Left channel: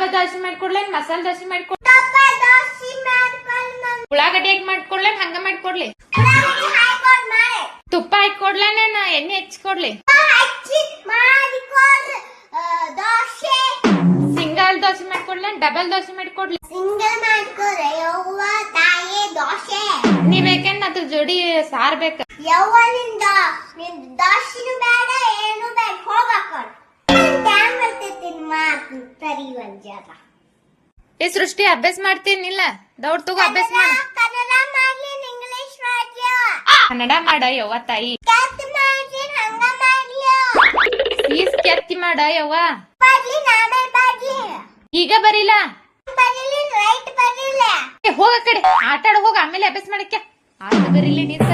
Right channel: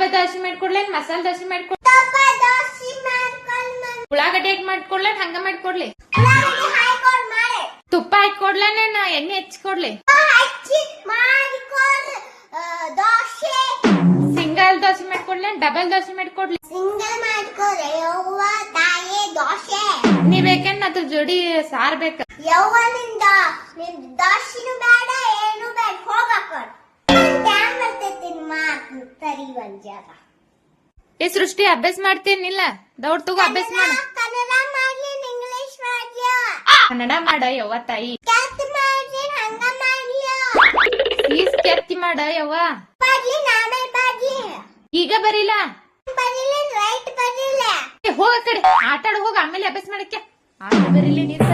ದೋಸೆ ಮಾಡ್ಕೊಡ್ಲೇನ್ ಮಸಾಲೆ ದೋಸೆ ಮಾಡ್ಕೊಡ್ ತಪ್ಪ ದೋಸೆ ಮಾಡ್ಕೊಂಡು ಮಮ್ಮಿ ಉಳ್ಳಾಗಡ್ಡಿ ಹಾಕಿ ಮಾಡ್ಕೊಡ್ಲೇನ್ ಹಂಗ ಮಾಡ್ಕೊಡ್ಲಿ. ತುಪ್ಪ ಹಾಕಿ ತುಪ್ಪ ಹಾಕೊಡ್ಲೇನ ಎಣ್ಣೆ ಹಚ್ಕೊಡ್ಲಿ. ಸಿಂಗಲ್ ದೋಸೆ ಮಾಡ್ಕೊಡ್ಲೇನ್ ಡಬಲ್ ದೋಸೆ ಮಾಡ್ಕೊಡ್ಲಿ. ಸಿಂಗಲ್ ಮಾಡ್ಕೊಡ್ರೆ ಯವ್ವ ತಾಯಿ ದೋಸೆ. ನೀ ಬೇಕೇನ್ ಅದ್ರ ಜೋಡಿ ಸಾರ್ ಬೇಕ? ಯವ್ವನಿಂದ ಒಂದ್ ಜಾಗ ಏ ಸೃಷ್ಟಿ ಅಭ್ಯಾಸ ಮಾಡ್ತೀನಿಲ್ಲ ಡೌಟ್ ತಗೋ ಅಭ್ಯಾಸ ಮಾಡ. ಕನ್ನಡ ಇಂಗ್ಲಿಷ್ ಮಾಡ್ಲಿ ಕನ್ನಡ ಮಾಡ ಯವ್ವ ತಾಯಿ. ಕತ್ತಿ ಮಾಡ್ಲಿ ಹಂಗ ಮಾಡ್ಲಿ ಈಸ್ ಕೆತ್ತಿ ಮಾಡ ಯವ್ವ. ಬರ್ಲಿ ನಾನೇ ಬರ್ಲಿ ಈಗ ಬರೀಲ್ಲ ಬರ್ಲಿ ರೈಟ್ ಬರ್ಲಿಲ್ಲ ಏ, ಹೋಗ ಕಡೆ. ಆಟ ಆಡ ಹೋಗ ಆಮೇಲೆ ಅಭ್ಯಾಸ ಮಾಡಕ್ಕೆ. ಆಟ ಬರೀಲಿ ನೀರ್